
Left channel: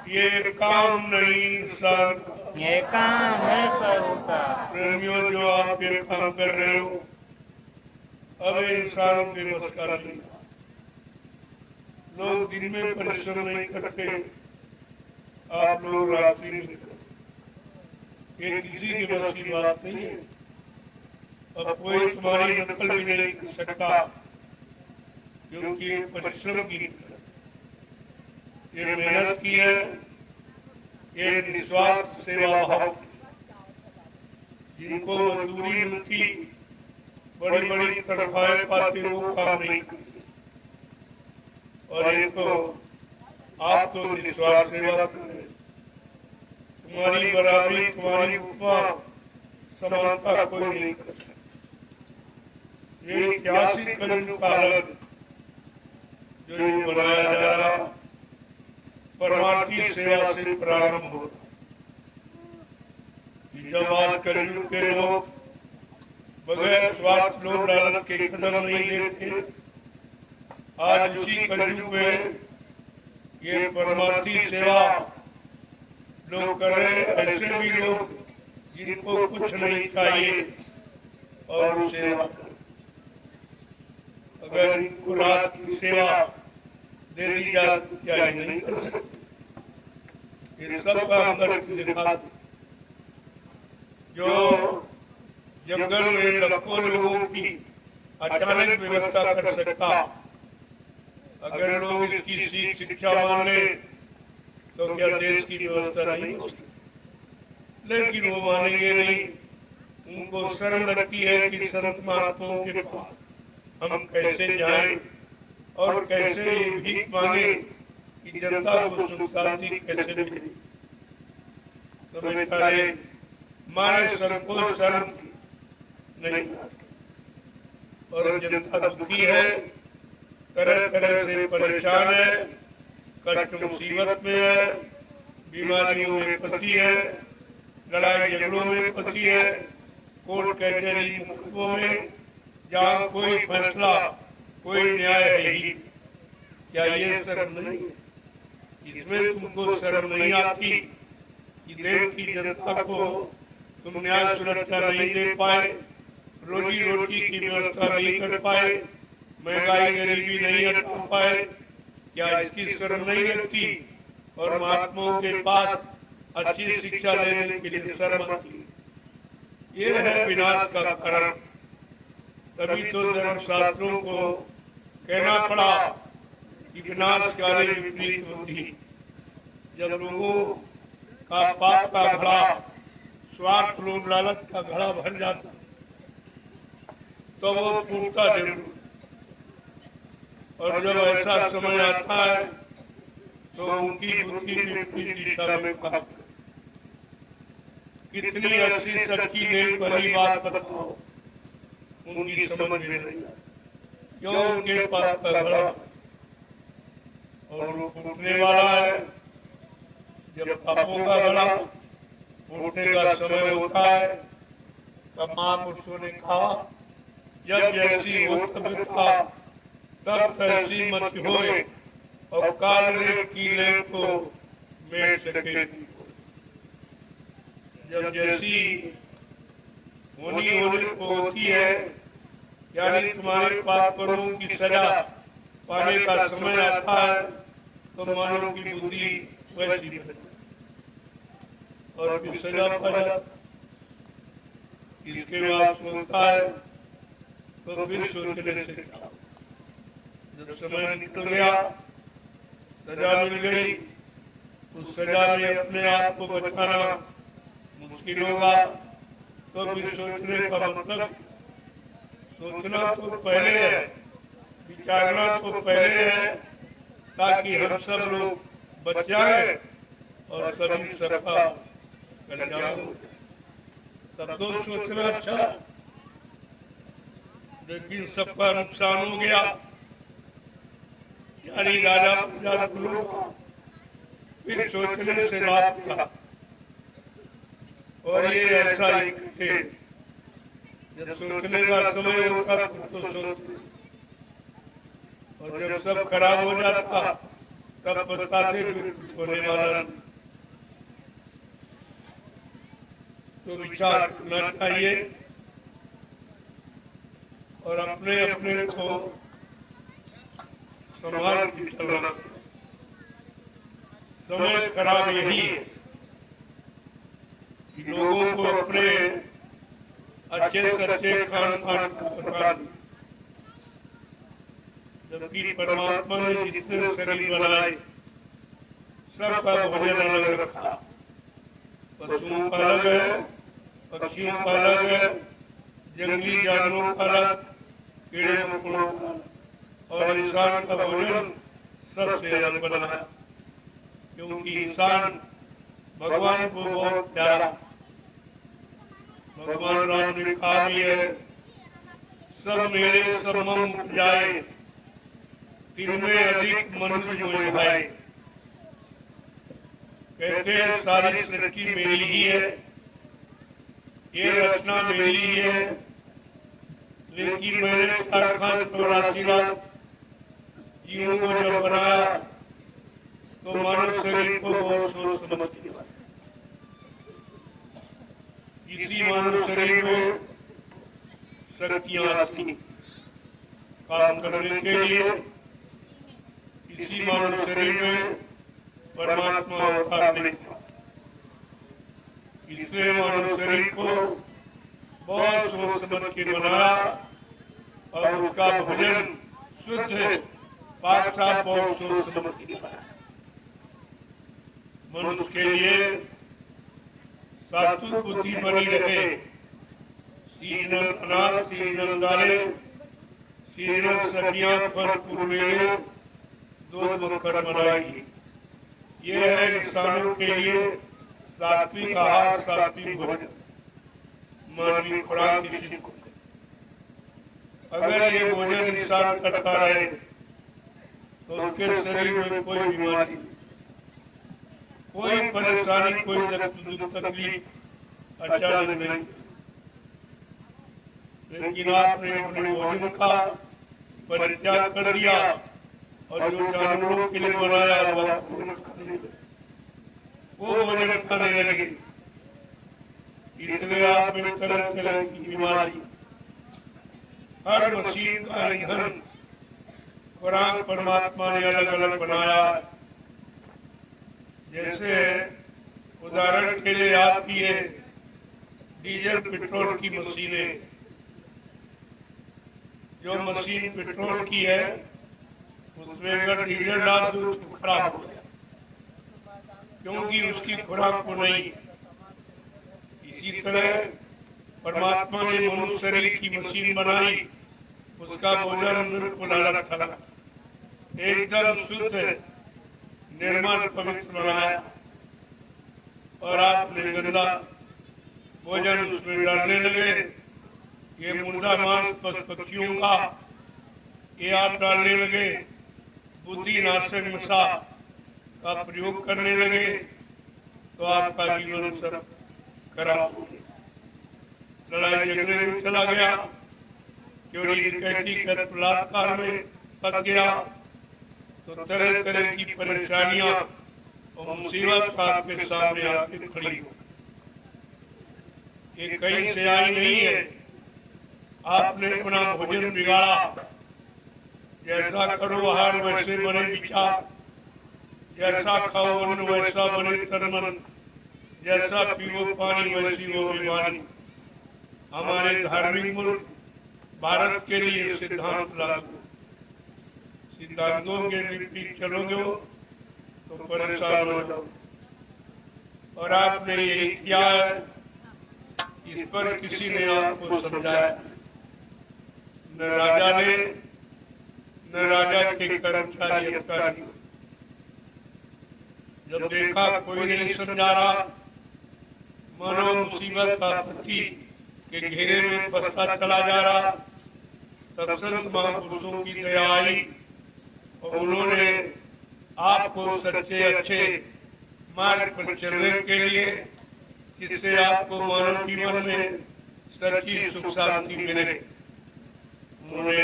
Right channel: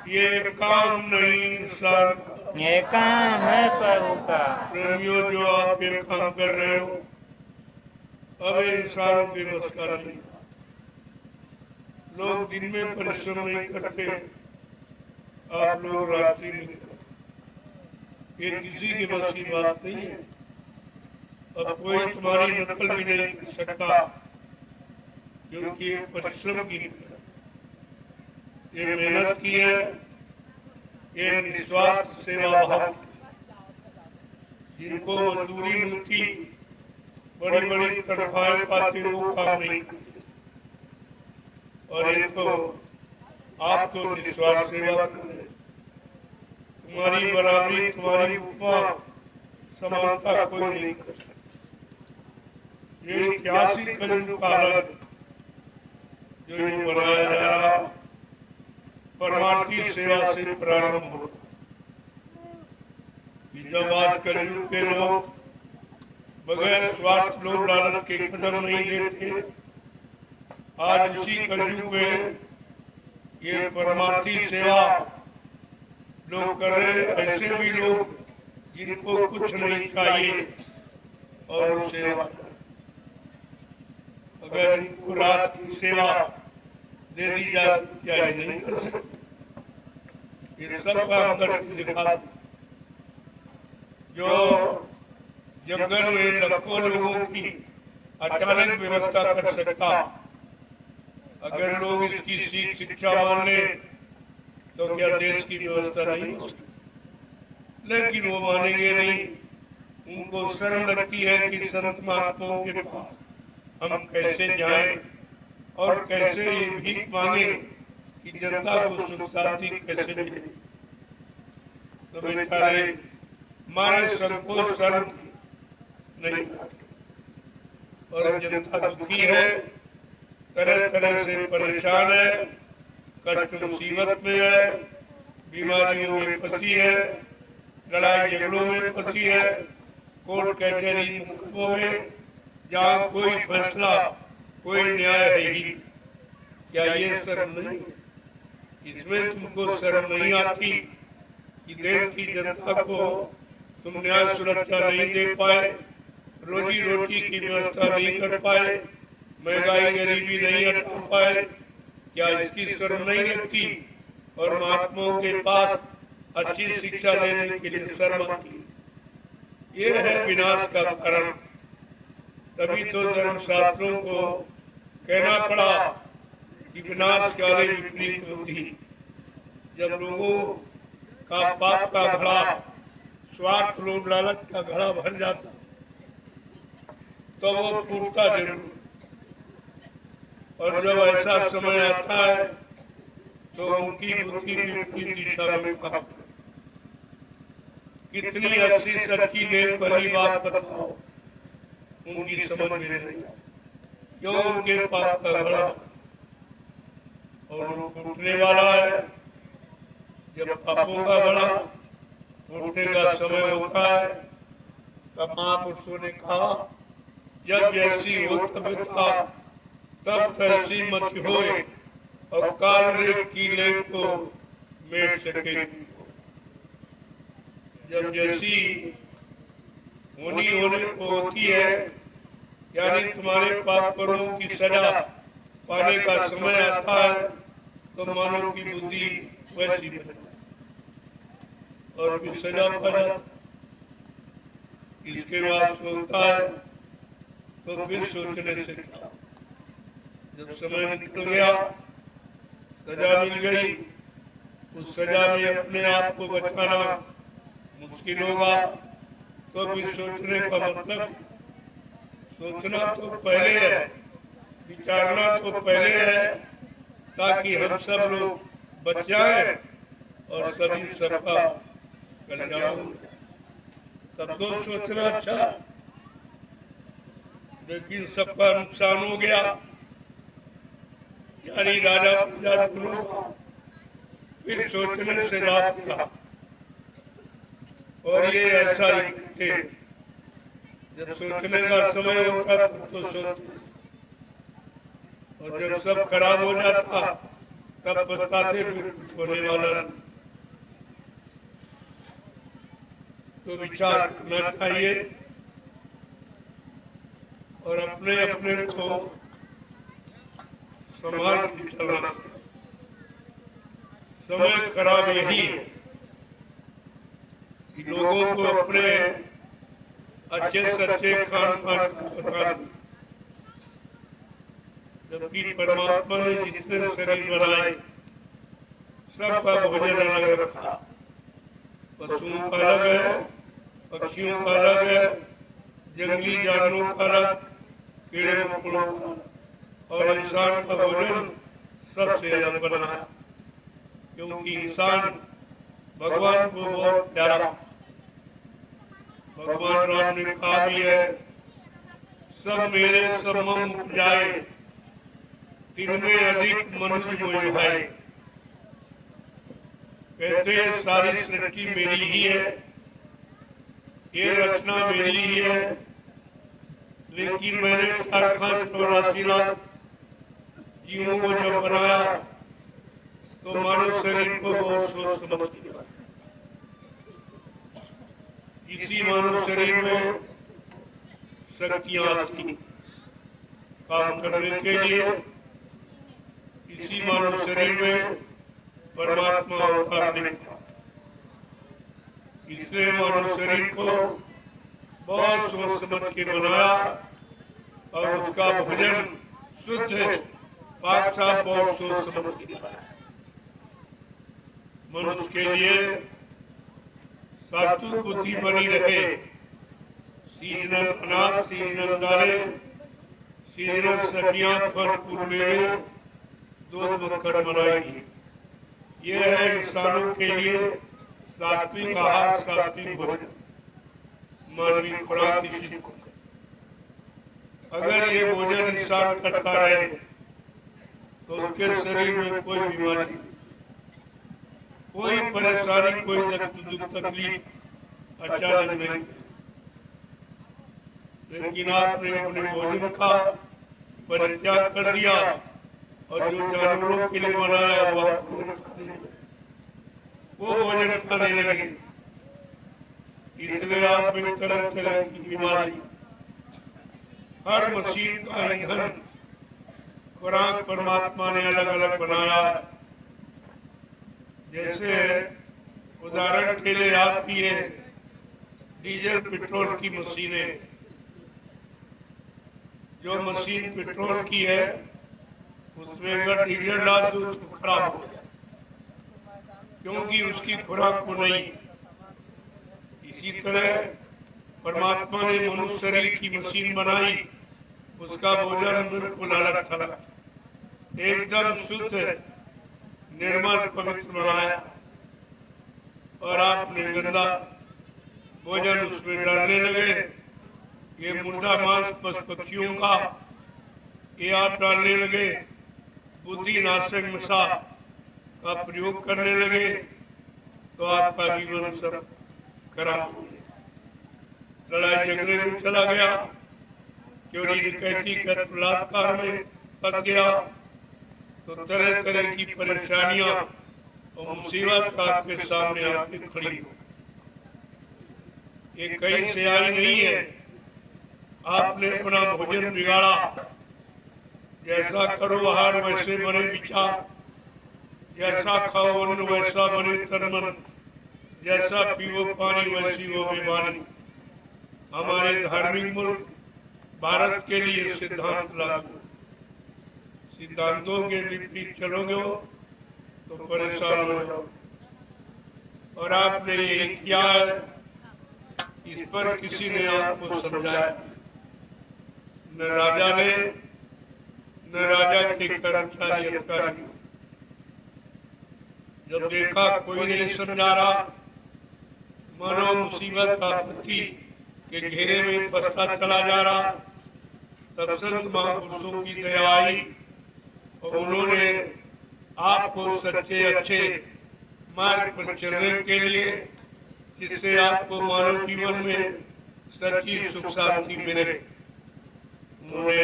ये काम नहीं इंसान का। ये काम है प्रभु का। प्रेमियों, जो आप ये काम कर रहे हो अब इंसानों के बस का नहीं। लोग दिन में परिश्रम नहीं करते, आप लोग रात्रि में करते। ये किसी के बस की बात नहीं है। अब कोई तुम्हारी नकल भी नहीं कर सकता, क्योंकि ये परिश्रम की ये मेहनत की है, ये निस्वार्थ सेवा भाव। जिनको मजदूरी मिलती, बड़ी बड़ी तनख्वाहें पाते, वो काम नहीं करते। और इनको आप तो निस्वार्थ सेवा करते। तुम्हारी बराबरी, तुम्हारी उपमा समानता कोई नहीं कर सकता। ये ऐतिहासिक कलयुग का अलग जो ये बनाया जा रहा परमार्थी सेवा से प्रारंभ हो। जब आज कलयुग के लोग बगैर स्वार्थ लोभ लालच के कदम नहीं लेते, आज उसी कलयुग में ये परमार्थी सेवा लोग कर रहे। ऐसे भी लोग जिनको कुछ नहीं चाहिए और वो सेवा करें। अगर इनको रात की सेवा दे दी जाए क्या ये नहीं कर सकते? ये सब काम करके दिखा। जो जंगल में लाखों लोगों की अचानक व्यवस्था कर सकता, अगर लोग इसकी सीख शिक्षा मान ले तो क्या देश की व्यवस्था नहीं हो सकती? लेकिन वो मानेंगे नहीं। उनको शर्म लगती है कि संत महात्माओं के पास हम कैसे जाएं और कैसे ये भीख मांगे कि जनता को सुख शांति कैसे मिले। तो बेचारे मारे संकोच शर्म नहीं, और जनता दुखी है, तरह तरह से परेशान है, कष्ट मुसीबत में है, बीमारियों में फंसी है, लड़ाई झगड़ों में फंसी है, कोर्ट कचहरी मुकदमों में, जहाँ कोई फैसला कोई न्याय है ही। क्या ये शर्म नहीं? इसमें तुमको शर्म नहीं आती कि देश की जनता को तुम न्याय सुरक्षा नहीं दे पाए, रोजी रोटी की व्यवस्था नहीं कर पाए, महंगाई गरीबी नहीं हटा पाए? क्या इसकी शर्म नहीं लगती? और महात्माओं के पास अच्छी शिक्षा लेने के लिए सहमत थी। ये है विनाश का कारण। तभी तो धर्मशास्त्रों को कहना पड़ा कि विनाश काले विपरीत बुद्धि। जब लोगों का पाप का घड़ा, स्वार्थ, लोभ, लालच का घड़ा भर जाता तो वो फूटता जरूर। और जब ऐसा समय आता है तो उनकी बुद्धि विपरीत दिशा में भागती है। कितनी अच्छी सच्ची नेक भली बात बताओ, उनकी समझ में नहीं। क्यों उनके पास का घड़ा और वो फूटने वाला है। जब पापों का घड़ा फूटने का समय होता है तब महापुरुषों ने कहा, जब जैसी हो तबियता तब तैसी मत होए, और काल रे कीले को मेट सके। जब जैसी होने को होती है, यानी तुम्हारे पाप कर्मों की सजा पाने का समय आता है, तो मानव की बुद्धि वैसी बने और फिर सजा पा जाती। इसके बाद सोचता है तो फिर सोचने से क्या। जब समय निकल गया, सजा मिल गई, उस सजा में अपने आप को बचाना मुश्किल होगा, तो फिर सोचने का मतलब, सोचना तो पहले है, विचारना तो पहले है, ताकि हम सब लोग बच जाएं और सभी सबका कल्याण हो। तब तो सोचना अच्छा है, लेकिन सबका नुकसान हो गया, यानी राजा प्रजा दोनों का। फिर सोचने से लाभ क्या। और ये ऐसा ही थे, जब सोचने का समय होता तो सोचते, और जब सब खराब हो जाता तब पछताते फिर कुछ होने वाला नहीं। तो विचार करना चाहिए और अपने अपने को संभाल के चलना। समय खराब यही है कि लोगों को अपने अच्छे सच्चे खान पान का पता नहीं, जबकि परमात्मा ने जितने शरीर बनाए सबका भोजन अलग रखा। पशुओं का अलग है, पक्षियों का अलग है, जंगली जानवरों का अलग, कीड़े मकोड़ों का, और इंसान का भोजन सबसे अलग बना, क्योंकि इंसान भगवान को बहुत प्यारा। भगवान राम ने कहा भी है, सब मेरे सब मम उपजाए, तिनमें अधिक मनुज मोहि भाई। कहते सारी सृष्टि मेरी ही है, ये रचना मेरी ही है, लेकिन मैंने 484 लाख जीवों को जब बनाया तो मानव शरीर को बहुत सोच समझ किया। इसी मानव शरीर में शक्तियां आती काम करने के लिए। इसी मानव शरीर में परमात्मा अवतार लेता। इसलिए मानव शरीर को बहुत सोच समझ के बनाया और उसका भोजन शुद्ध पाक साफ बहुत सोच समझ के बनाया। मनुष्य के लिए सात्विक बुद्धि बनी रहे, सीजनल अनाज, सीजनल दालें, सीजनल सब्जियां, फल फूल, मेवे, दूध मक्खन बनाएगी। ये है इंसानों के लिए सात्विक आहार, सात्विक भोजन, मानवीय खुराक की सिद्ध। अगर ये भोजन इंसान करता रहे तो उसके शरीर में कोई बीमारी, कोई परेशानी, कोई दुख तकलीफ अचानक नहीं। लेकिन आपने अपने भोजन का परित्याग कर दिया और जो जानवरों के लिए बनाया हुआ वो भोजन खाने लगे। इसलिए आप में तरह तरह की बीमारी, हर मशीन का ईंधन, खुराक परमात्मा ने अलग अलग बनाया है। जैसे उदाहरण के लिए आपकी ये डीजल पेट्रोल की मशीनें, जो मशीन पेट्रोल की है उसमें अगर डीजल डाल दो तो खराब हो जाए, क्योंकि उसकी खुराक को नहीं। इसी तरह परमात्मा ने मनुष्य शरीर की मशीन बनाई, उसका भोजन बिल्कुल अलग था, एकदम शुद्ध निर्मल पवित्र बनाया, और आपने गंदा भोजन उसमें डालने लगे। ये मुर्दा मांस पक्षियों का ये आप डालने लगे, बुद्धि नाशक नशा का प्रयोग करने लगे, तो आपका जीवन सब खराब हो गया, लड़ाई झगड़े में चला गया, चोरी डकैती कर बलात्कार में फंस गया, तो तरह तरह की परेशानियां और मुसीबत आपके सामने आके खड़ी हो। ये कहीं से आई नहीं है, आपने अपना भोजन बिगाड़ा। जैसा करो आहार वैसे बने विचार, जैसा खाओ अन्न वैसा बने तन मन, जैसा पीवो पानी वैसी हो बेबानी। हमारे धार्मिक मुल्क भारत के लिए सिद्धांत लागू, सिद्धांतों के विपरीत चलोगे तो परेशान हो जाओ। और आपने यही किया है, इस पर किसी ने आपको समझाया, न राजा ने न राजा के कर्मचारी अधिकारी। जब देखा कोई नहीं समझा रहा, मानो मुसीबत आपत्ति के घेरे में फंसता चला जा रहा, तब संत महापुरुषों की दया आई और उन्होंने आपको सच्चे अच्छे मार्ग पर चलने के लिए, जिससे आपको मानव जीवन में सच्ची सुख शांति मिले, उन्होंने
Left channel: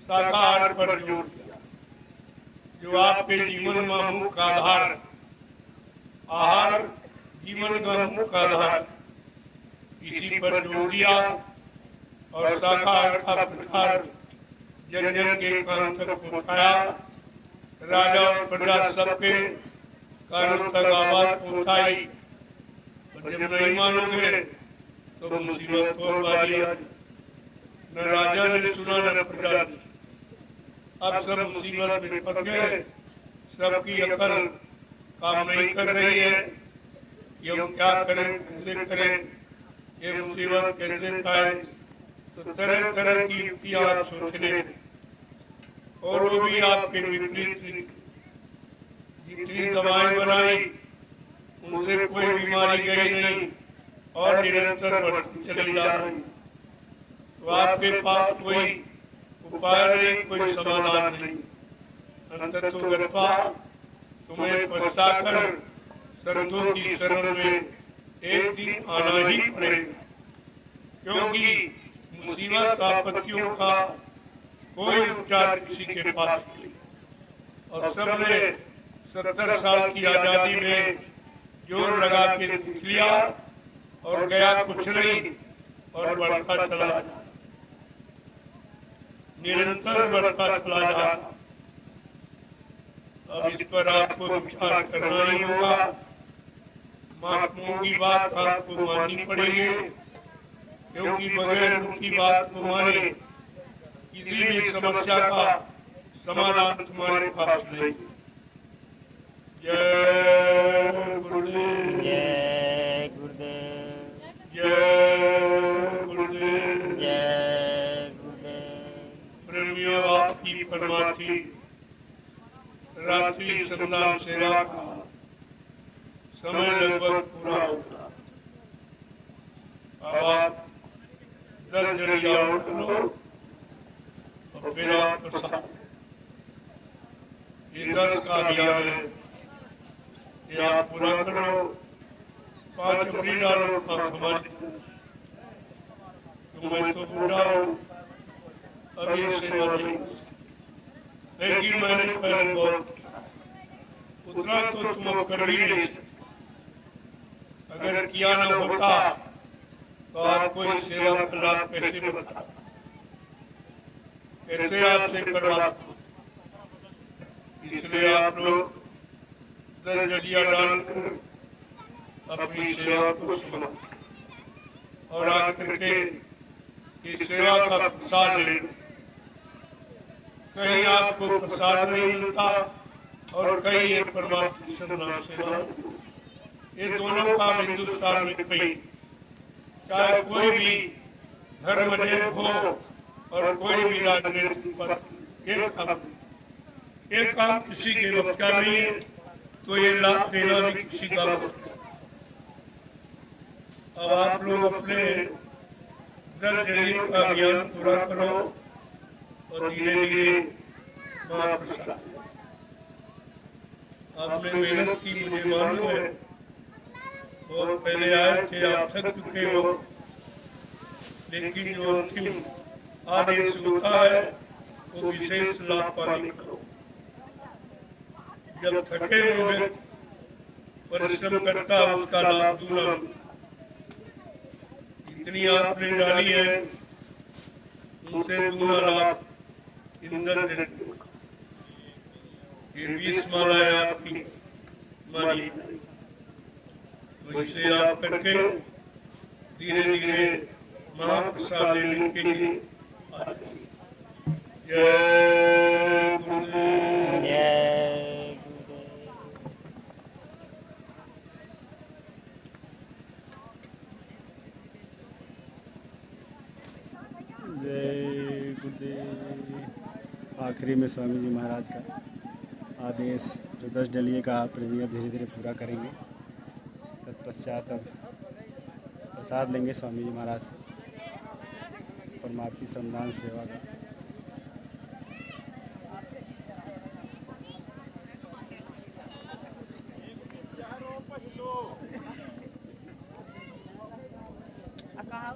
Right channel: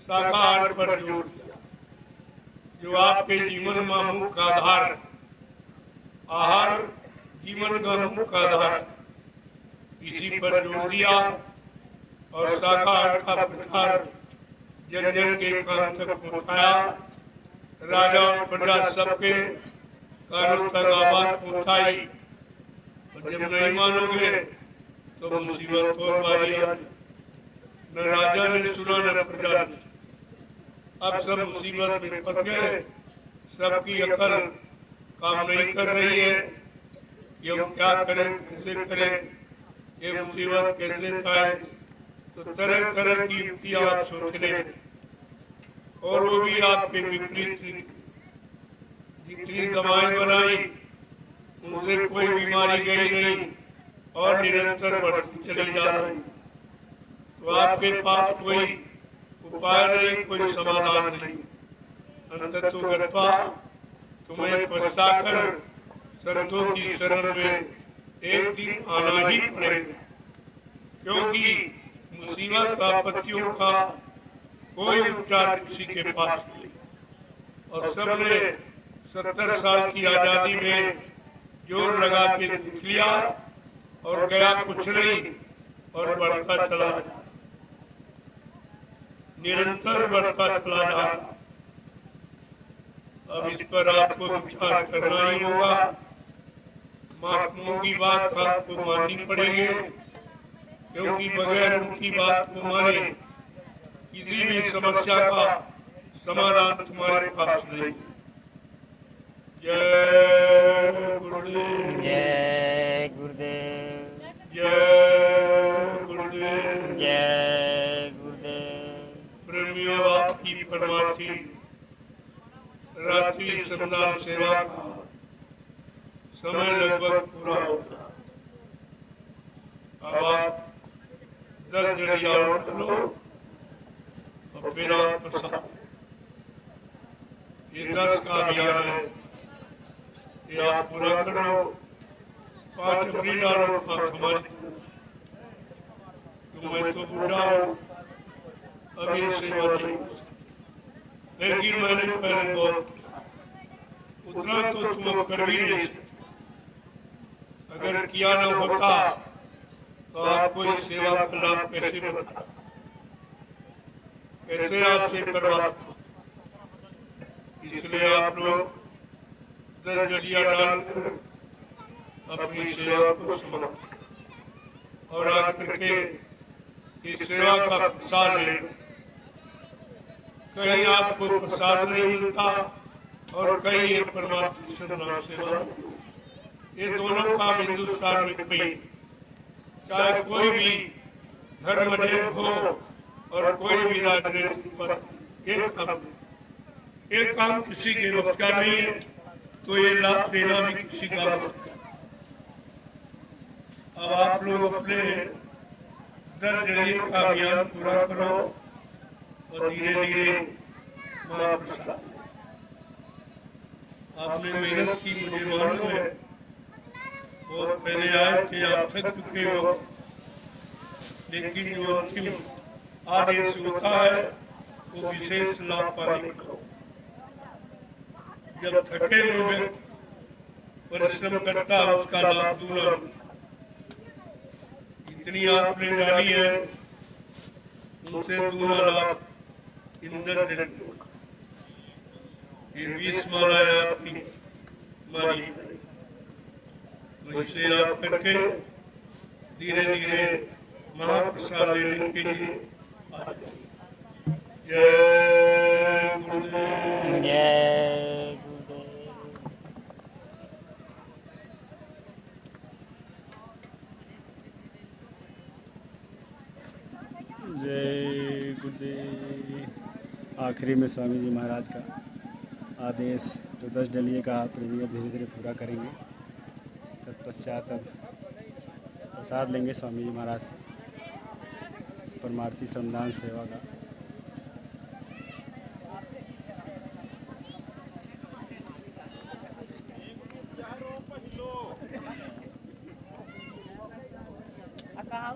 शाकाहार पर जोर दिया, जो आपके जीवन का मुख्य आधार। आहार जीवन का मुख्य आधार, इसी पर जोर दिया और शाकाहार का प्रचार जन जन के कान तक पहुँचाया। राजा और प्रजा सबके कानों तक आवाज पहुँचाई, और जब नहीं मानोगे तो मुसीबत और बारी आई। न राजा ने सुना न प्रजा ने, अब सब मुसीबत में फंस गए, सबकी अकल काम नहीं कर रही है कि हम क्या करें, कैसे करें, ये मुसीबत कैसे आए, तो तरह तरह की युक्तियां आप सोचने, और वो भी आपके विपरीत। जितनी दवाएं बनाई उनसे कोई बीमारी गई नहीं और निरंतर बढ़ती चली जा रही। तो आपके पास कोई उपाय नहीं, कोई समाधान नहीं। अंततो गत्वा तुम्हें पछताकर संतों की शरण में एक दिन आना ही पड़ेगा, क्योंकि मुसीबत आपत्तियों का कोई उपचार किसी के पास नहीं। और सबने 70 साल की आजादी में जोर लगा के देख लिया और गया कुछ नहीं, और बढ़ता चला जा, निरंतर बढ़ता चला जा। अब इस पर आपको विचार करना ही होगा। महात्माओं की बात आपको माननी पड़ेगी, क्योंकि बगैर उनकी बात को माने किसी भी समस्या का समाधान तुम्हारे पास नहीं। जय गुरुदेव, जय गुरुदेव, जय गुरुदेव, जय गुरुदेव। प्रेमियों, आपकी परमार्थी रात्रि संदान सेवा का समय लगभग पूरा होगा। अब आप 10 जड़िया उठ लो और फिर आप प्रसाद। ये 10 का अभियान है, ये आप पूरा कर लो। 5 अपनी डालो, 5 हमारी। तो मैं तो बुढ़ा हूँ, अब ये सेवा नहीं, लेकिन मैंने पहले बहुत किया, उतना तो तुम अब कर भी नहीं सकते। अगर किया न होता तो आपको इस सेवा का लाभ कैसे बता, कैसे आपसे करवाता। इसलिए आप लोग 10 जड़िया डालकर अपनी सेवा को समाप्त और आकर के इस सेवा का प्रसाद ले। कहीं आपको प्रसाद नहीं मिलता और कहीं ये परमात्मा नाम सेवा नहीं। ये दोनों काम हिंदुस्तान में कहीं, चाहे कोई भी धर्म हो और कोई भी राजनीतिक पर एक काम किसी के वक्त का नहीं है, तो ये लाभ देना भी किसी का वक्त है। अब आप लोग अपने 10 जरिए का अभियान पूरा करो और धीरे धीरे महाप्रसाद। आपने मेहनत की, मुझे मालूम है, और पहले आए थे, आप थक चुके हो, लेकिन जो अंतिम आदेश होता है वो विशेष लाभ पाने का। जब थके हुए व्यक्ति परिश्रम करता है उसका लाभ दूना मिलता। इतनी आपने डाली है, उनसे दूना लाभ इंद्र ने। ये 20 मालाएं आपकी मानी, तो इसे आप करके धीरे धीरे महाप्रसाद लेने के लिए आ जाइए। जय गुरुदेव। जय गुरुदेव। जय गुरुदेव। आखिरी में स्वामी जी महाराज का आदेश जो 10 डलिए का आप धीरे धीरे पूरा करेंगे, तत्पश्चात अब प्रसाद लेंगे स्वामी जी महाराज से इस परमार्थी श्रमदान सेवा का। कहाँ